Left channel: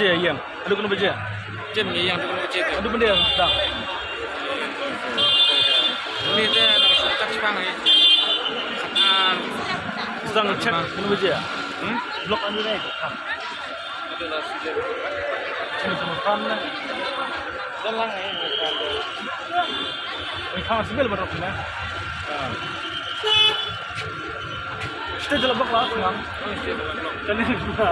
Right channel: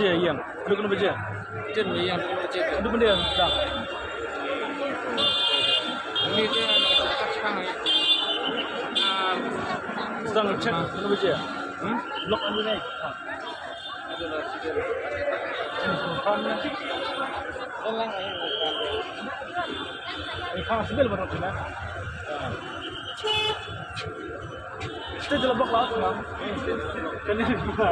baca yang. Ada kena baca. Jam ni yang tu cek. Ada benda yang dah. Ini tu nak tak sepang ni. Sakar. Sedang cek kena baca. Blok anda naik. Ada nasi dia. Ini semua kan lah. Dalang ni. Oi kang sebil berapa ni? Kita jelas blok lah kang. Kali ni juga.